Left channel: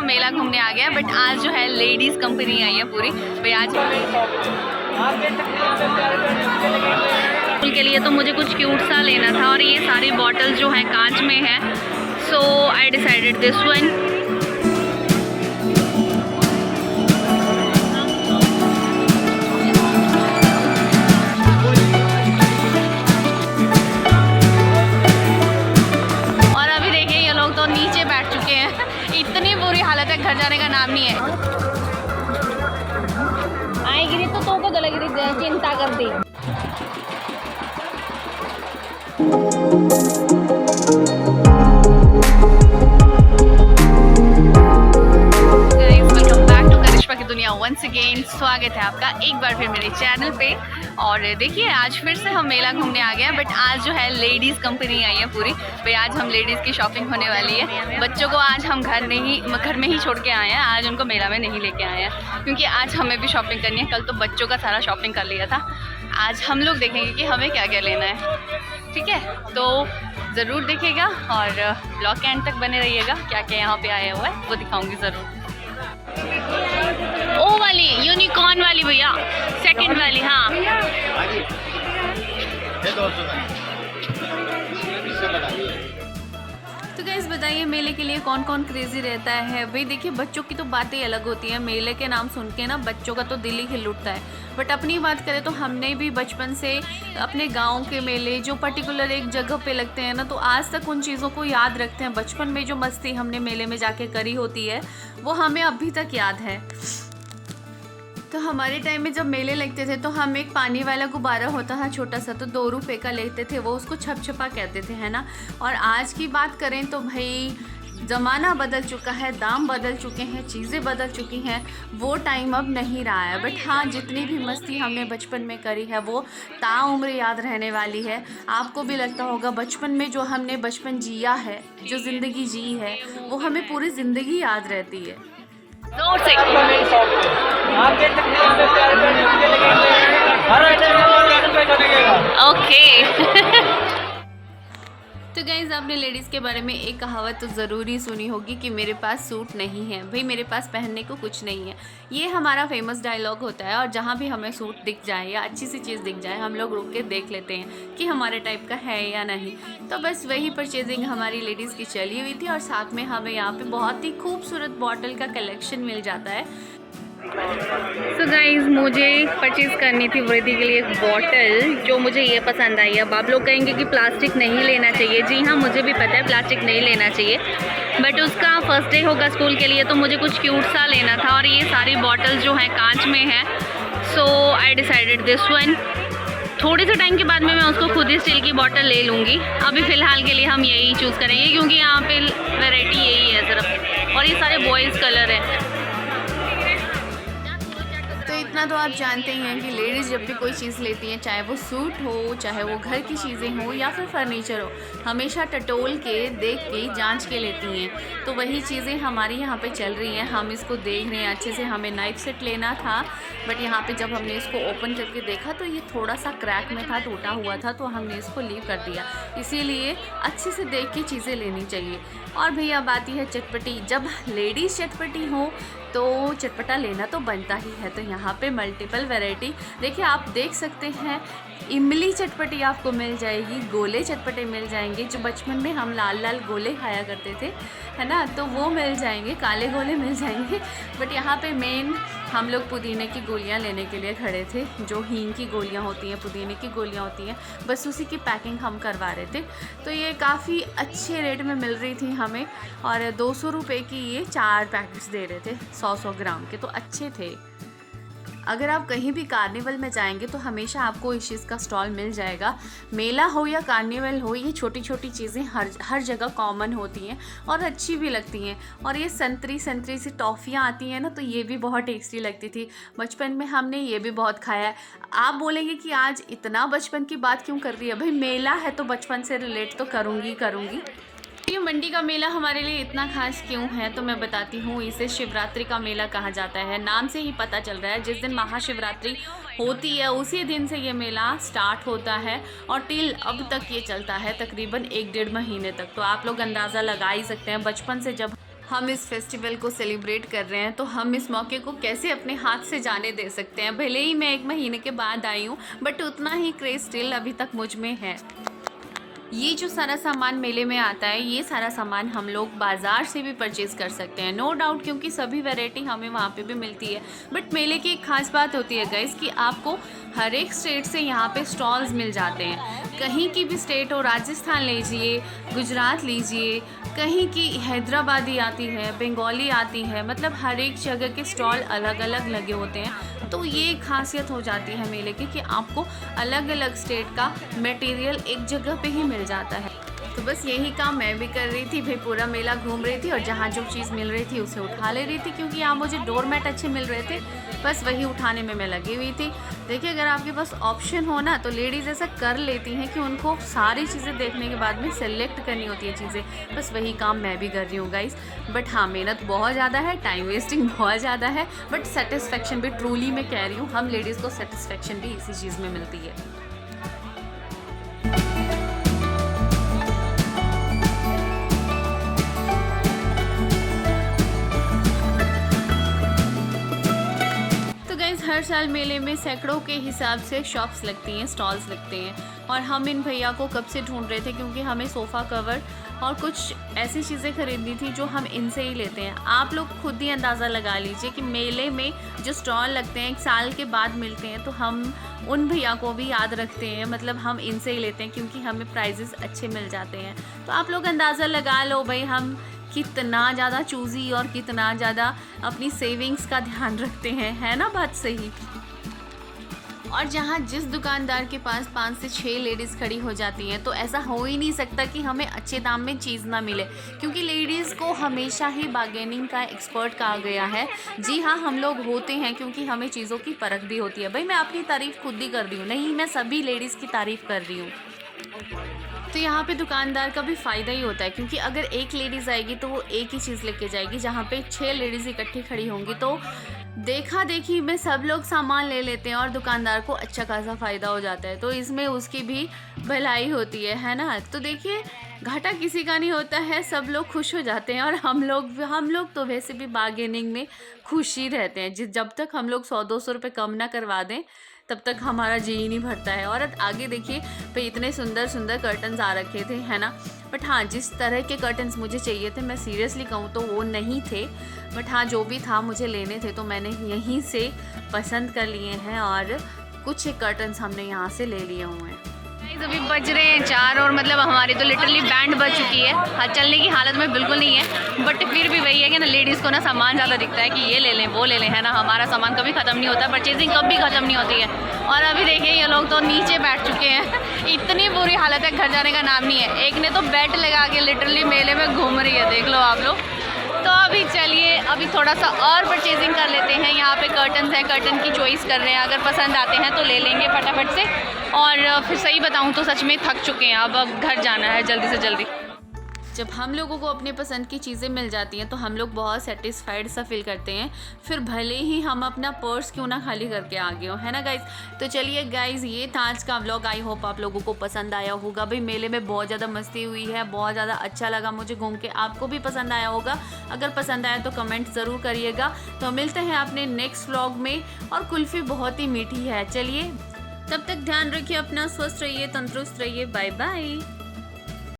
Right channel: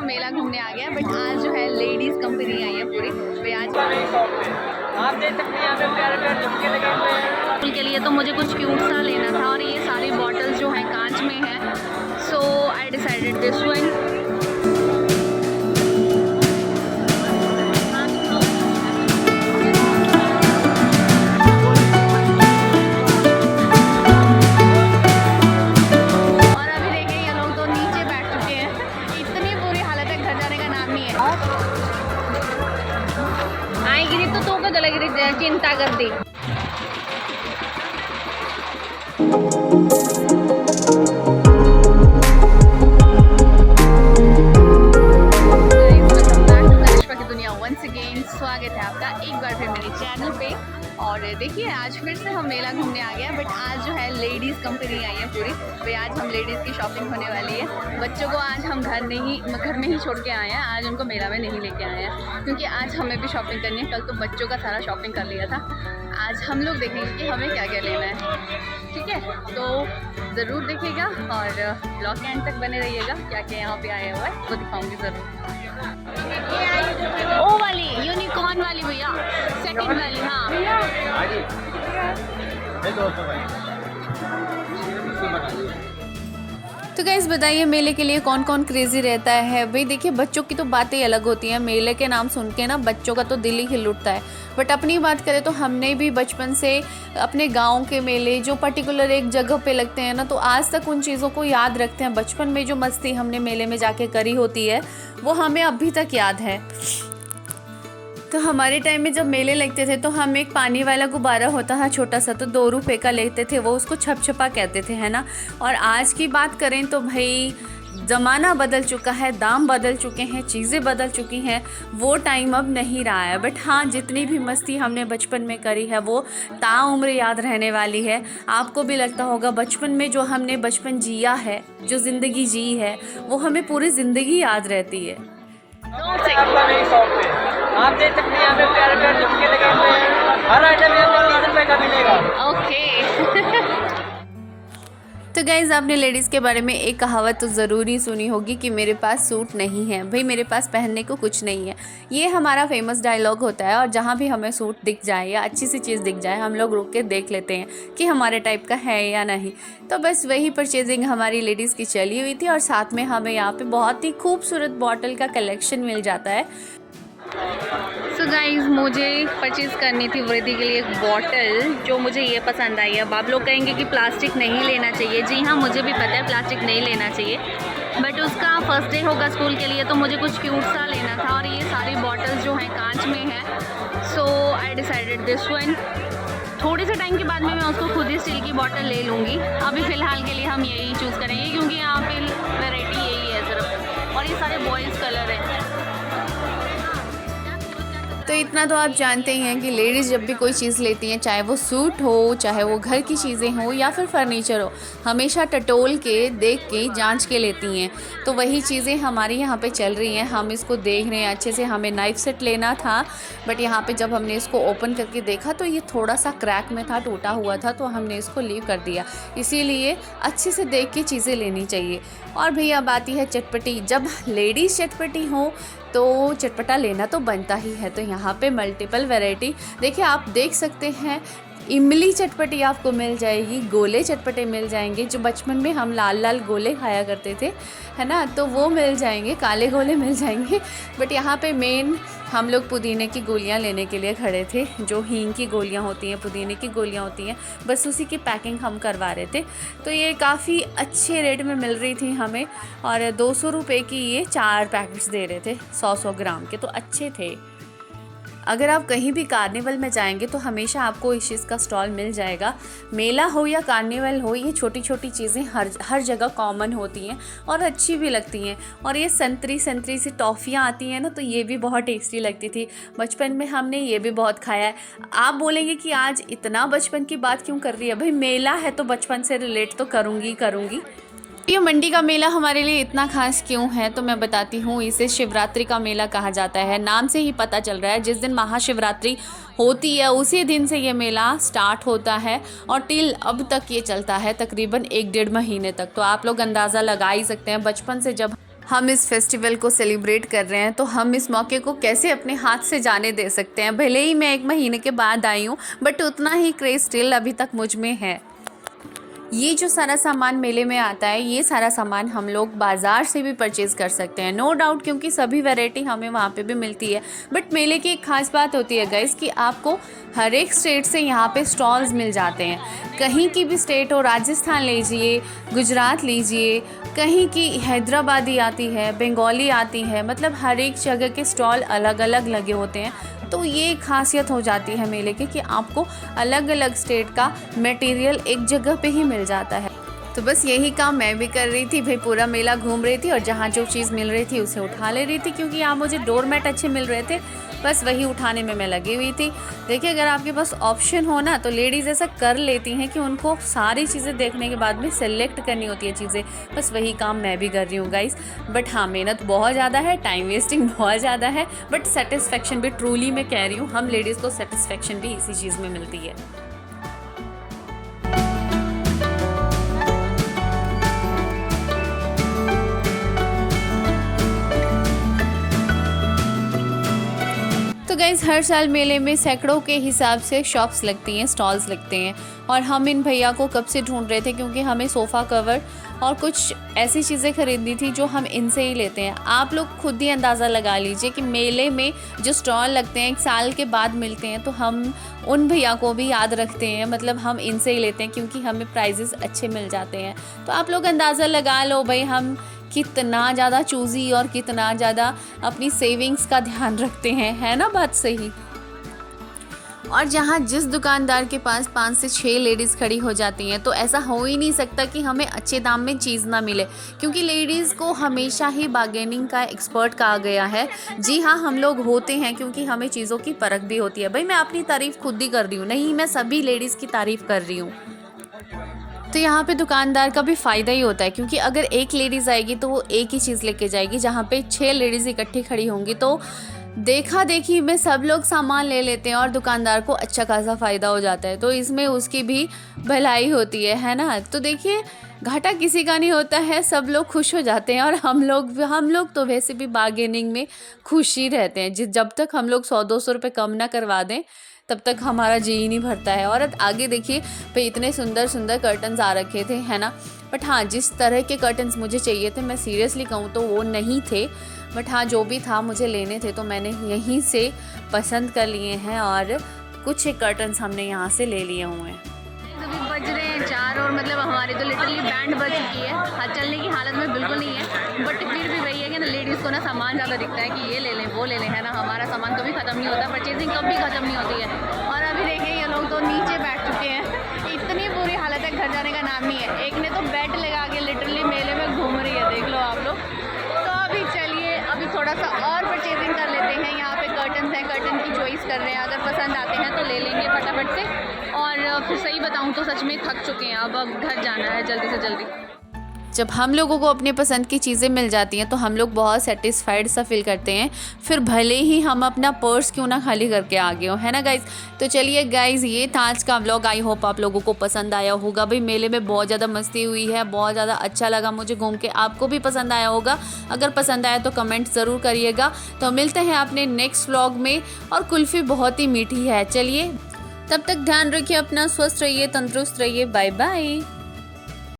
हम मेला घूमने आ गए हैं, बट आज जो है लेडीज़ कंपनी आई है पूरी। भाई आज के लिए तो मुझे कुछ क्यूट सा लेना था और ये सारी बॉटल जो हैं कांच में है, सो आई डिसाइडेड दिस वन। घर जाने का नाम नहीं है। आएगी तो को जलेगी चिंता कर दी। वेलकम बैक टू करिश्मा की दुनिया वंस अगेन। स्वागत है आपका एक बार फिर मेरे चैनल पे। और देखिए आज फिर से हम मेला घूमने आ गए हैं, बट आज जो है लेडीज़ कंपनी आई है पूरी। भाई आज हम लेडीज़ की शॉपिंग होने वाली है। बच्चों को आज हम घर में ही छोड़ के आए हैं, आज उनको मेला में नहीं लेके आए हैं, क्योंकि आज हमें भी शॉपिंग करनी है। कल तो बच्चों का सारा शॉपिंग कर लिया था, आज हम लोग देखेंगे कि हमें क्या क्या लेना है। ठीक है, तो ज़रूर देखिएगा और ब्लॉग के एंड तक बने रहिएगा। क्या क्या यहाँ पे आया हुआ है वो दिखाऊंगी ज़रूर। ओ वाली यूनिकॉर्न वाली भैया, सेकंड वाली। हाँ तो गाइस बताइए मेले के लिए कौन कौन क्रेजी रहता है। भाई देखिए बच्चों की तो बातें अलग होती हैं, मेले के नाम सुन के ना बच्चों का तो दिल ही हिल उठता है। बट अपनी बात करें तो हमने भी बचपन से अपने गांव के मेले जो पर्टिकुलर एक जगह पे लगते हैं ना, तो आज तक उन चीज़ों को याद रखते हैं। बचपन में जो मस्ती हमने मेले में जाके करी होती है वो हमें अभी तक याद है। तो हमारे टाइम में जब मेले लगते थे तो हम एक पानी वाला गुब्बारा होता था छोटा सा, तो 2 रुपये का लेते थे, वो उसको छप छपा कहते थे, है ना। और आज की बात करें तो भाई ज़माना बदल चुका है, दाम बदल चुके हैं, चीज़ें बदल चुकी हैं, वो टाइम अब नहीं रहा है। बट हाँ, जितनी भी मस्ती हमने बचपन में करी है वो ताउम्र याद रहने वाली है। आपको भी लगता होगा बचपन में जो हमने बचपन जिया है, जो ज़िंदगी जी है, वो हमें पूरी ज़िंदगी याद रहती है। जोर से ओके। तो गाइज़ आपने लेडीज़ के बारे में एक कहावत तो ज़रूर ही सुनी होगी कि मेरे पास सूट नहीं है। भाई मेरे पास पहनने को कुछ नहीं है, ये हमारा फेमस डायलॉग होता है। और जहाँ भी हमें सूट दिख जाए या अच्छी सी चीज़ दिख जाए, हम लोग रुक के देख लेते हैं कि हमारे टाइप का है या नहीं। तो बस वही परचेजिंग हमारी लेडीज़ की चली हुई थी, और साथ में हमें यहाँ पर बहुत ही खूबसूरत बॉटल का कलेक्शन मिल जाता है। सो गाइज़ मुझे परचेज़ करनी थी वृद्धि के लिए एक बॉटल, जो मुझे ये पसंद आई है। अब आप लोग कहेंगे कि प्लास्टिक नहीं लेना चाहिए। जी हाँ, मुझे भी पता है प्लास्टिक नहीं लेना चाहिए, बट उसका फर्स्ट डे होगा स्कूल के लिए, तो मुझे कुछ क्यूट सा लेना था। और ये सारी बॉटल जो हैं कांच में है, सो आई डिसाइडेड दिस वन। थोड़े से टाइम के बाद में मैं उसको खुद ही स्टील की बॉटल ले लूँगी। अभी फ़िलहाल के लिए हम यही चूज़ करेंगे, क्योंकि यहाँ पे वैरायटी यही है सिर्फ, और ये सारे बॉयज़ कलर हैं। तो इतना तो आप जानते ही हैं कि लेडीज़ जब भी कोई चीज़ लेती हैं, चाहे वो सूट हो, चाहे वो घर की चीज़ें हो या फिर फर्नीचर हो, हमेशा टटोल के देख के जांच के लेती हैं। तो वही चीज़ें हमारी यहाँ पे चल रही हैं। हम इसको देख रहे हैं अच्छे से। हमें नाइफ सेट लेना था, बट यहाँ पे जब हमने इसको ओपन करके देखा तो ये थोड़ा सा क्रैक में था, टूटा हुआ था, तो हमने इसको लीव कर दिया। इसीलिए अच्छे से देख के चीज़ें लेनी चाहिए। और भैया अब आती है चटपटी। जब लेडीज़ चटपटी हो तो चटपटा लेना तो बनता ही है। तो यहाँ पे मल्टीपल वैरायटी देखिए, आप देख सकते हैं। इमली चटपटी आपको मिल जाएगी, गोले चटपटे मिल जाएंगे, जो बचपन में हम लाल लाल गोले खाया करते थे, है ना, तो वो मिल जाएंगे, काले गोले मिल जाएंगे। बट यहाँ पे मेन हम लोग पुदीने की गोलियाँ लेने के लिए खड़े थे, जो हींग की गोलियाँ होती हैं, पुदीने की गोलियाँ होती हैं, बस उसी की पैकिंग हम करवा रहे थे। तो ये काफ़ी अच्छे रेट में मिल रही थी हमें, और 200 रुपये की ये 4 पैकेट्स दे रहे थे 100-100 ग्राम के, तो अच्छे थे। अगर आप कहीं भी कार्निवल में जाएंगे तो हमेशा आपको इस चीज़ का स्टॉल मिल जाएगा। मेला हो या कार्निवल हो, ये छोटी छोटी चीज़ें हर जगह कॉमन होती हैं और अच्छी भी लगती हैं। और ये संतरी सी टॉफ़ियाँ आती हैं ना, तो ये भी बहुत टेस्टी लगती थी। बचपन में हमने ये भी बहुत खाया है। आप बोलेंगे कि आज इतना बचपन की बात क्यों कर रही है। भाई मेला है तो बचपन से रिलेट तो करूँगी। ये मंडी का मेला हमारे लिए इतना खास क्यों है, तो मैं बताती हूँ। इसे शिवरात्रि का मेला कहा जाता है, नाम से ही पता चल रहा है। जिस दिन महाशिवरात्रि होती है उसी दिन से ये मेला स्टार्ट होता है, और टिल अब तक ये चलता है तकरीबन 1-1.5 महीने तक। तो आप लोग अंदाज़ा लगा ही सकते हैं, बचपन से जब हम इस फेस्टिवल को सेलिब्रेट कर रहे हैं, तो हम इस मौके को कैसे अपने हाथ से जाने दे सकते हैं। भले ही मैं 1 महीने के बाद आई हूँ, बट उतना ही क्रेज़ स्टिल अभी तक मुझ में है। ये जो सारा सामान मेले में आता है, ये सारा सामान हम लोग बाज़ार से भी परचेज़ कर सकते हैं, नो डाउट, क्योंकि सभी वैरायटी हमें वहाँ पे भी मिलती है। बट मेले की एक ख़ास बात होती है गाइस कि आपको हर एक स्टेट से यहाँ पे स्टॉल्स मिल जाते हैं। कहीं की भी स्टेट हो, राजस्थान लीजिए, गुजरात लीजिए, कहीं की हैदराबादी आती है, बंगाली आती है, मतलब हर एक जगह के स्टॉल अलग अलग लगे होते हैं। तो ये खासियत हो जाती है मेले की कि आपको अलग अलग स्टेट का मटेरियल एक जगह पे ही मिल जाता है। तो बस यही काम मैं भी कर रही थी भाई, पूरा मेला घूम रही थी और जहाँ जो चीज़ मिल रही थी उसे उठा ले रही थी, क्योंकि यहाँ मुझे डोरमेट अच्छे मिल रहे थे, बस वही उठाने में मैं लगी हुई थी। देखिए, अगर आपके पास ऑप्शन हो ना, तो लेडीज़ ऐसा कर लेती हैं कि उनको सारी चीज़ें देखने के बाद में सेलेक्ट करनी होती है चीज़ें। बस वही काम मैं भी कर रही हूँ गाइस। बट हाँ, मेहनत बहुत ज़्यादा है, टाइम वेस्टिंग बहुत ज़्यादा है, बट सेटिस्फेक्शन भी, ट्रूली मैं कह रही हूँ, हम लेडीज़ को सेटिस्फेक्शन भी इसी चीज़ में मिलती है। तो गाइज़, हर साल मेले में सैकड़ों के हिसाब से शॉप्स लगती हैं, स्टॉल्स लगते हैं, और हम इन भैया को कब से ढूंढ रहे थे, क्योंकि हमें सोफ़ा कवर और कुछ ऐसी चीज़ें खरीदनी थी जो हम इनसे ही लेते हैं। आप लोग खुद ही अंदाज़ा लगा लीजिए कि मेले में जो स्टॉल लगते हैं 1 साल के बाद मिलते हैं, तो हम उन भैया को भी याद रखते हैं, मतलब हम इनसे ही लेते हैं क्योंकि हमें प्राइजेस अच्छे मिल जाते हैं। तो आप लोग अंदाज़ा लगा लो भाई, हम कितना ज़्यादा चूज़ी और कितना ज़्यादा अपनी सेविंग्स का ध्यान रखते हैं, है ना बात सही। और जहाँ जिस दुकानदार के पास 5 से 6 लेडीज़ खड़ी हो जाती हैं, तो ऐसा हो ही नहीं सकता कि हमें अच्छे दाम में चीज़ ना मिले, क्योंकि लेडीज़ को हमेशा ही बार्गेनिंग का एक्सपर्ट कहा गया है। जी हाँ, हम लोग होते हैं, क्योंकि हमें चीज़ों की परख भी होती है। भाई, मैं अपनी तारीफ़ खुद ही कर रही हूँ, नहीं, मैं सभी लेडीज़ की तारीफ़ कर रही हूँ। तो यहाँ पे दुकानदार का भी फ़ायदा ही होता है, क्योंकि अगर एक लेडीज़ आएगी तो वो एक ही चीज़ लेके जाएगी, जहाँ पे 6 लेडीज़ इकट्ठी खड़ी होंगी तो देखा देखी में सब लोग सामान ले लेते हैं और दुकानदार को अच्छा खासा फ़ायदा हो जाता है। तो इसमें उसकी भी भलाई होती है ना। तो देखिए, घाटा किसी का नहीं होता है, सब लोग खुश हो जाते हैं, और हम लोग तो वैसे भी बार्गेनिंग में खुश ही रहते हैं। जब तक हम लोग 100-200 रुपये कम ना करवा दें, तब तक हमारा जी ही नहीं भरता है। और आगे देखिए भाई, इतने सुंदर सुंदर कर्टन्स आ रखे थे, है ना। बट हाँ, जिस तरह के कर्टन्स मुझे चाहिए थे, मैं सीरियसली कहूँ तो वो नहीं थे। बट हाँ, जो भी था मुझे लेने थे, तो मैंने यहीं से पसंद कर लिए हैं, और कुछ एक कर्टन्स हमने यहाँ से ले लिए हुए हैं। अभी बज रहे हैं 4 और मतलब हमारी तो लिटरली बैंड बज चुकी है। हाँ, चलने की हालत में बिल्कुल नहीं है, बट फिर भी वही है कि ना, लेडीज़ को ना सामान ज़्यादा दिखता है कि ये ले लें वो ले लें, है ना। हमारा सामान कभी ख़त्म नहीं होता, परचेजिंग कभी ख़त्म नहीं होती है। और अभी देखिए, ये लोग तो नीचे बैठ चुके हैं, इतनी बुरी हालत है, घर जाने का नाम नहीं है। एक ने तो बेड लगा के लिटरली मेले में घूम रही है, देख लो आप लोग। तो अभी चलिए, अभी थोड़ा सा और परचेजिंग कर लेते हैं। यहाँ पे कर्टन्स हैं, कर्टन की चॉइस कर रहे हैं, अगर पसंद आते हैं तो ले लेंगे फटाफट से। और फिर सही बताऊँ तो सच में थक चुके हैं, अब घर जाना है जल्दी से जल्दी। जब हम लोगों को अपने पसंद की चीज़ें मिल जाती हैं, तो हम लोग बहुत सेटिस्फाइड सा फील करते हैं, फिर भले ही हम अपना पर्स क्यों ना खाली करके आ गए हो, है ना गाइज़। तो चलिए गाइज़, ये था आज का व्लॉग। आई होप आप लोगों को पसंद आया होगा। भाई, मेले में बहुत ज़्यादा मस्ती हुई है, बहुत ज़्यादा अच्छा लगा मुझे घूम के। आपको भी पसंद आया होगा, अगर पसंद आया तो कमेंट ज़रूर करिएगा। तो मिलते हैं अपने नेक्स्ट व्लॉग में, और कुल्फ़ी बहुत ही मीठी है। चलिए, तब तक ध्यान रखिए अपना, स्वस्थ रहिए, तंदुरुस्त रहिए। Bye bye.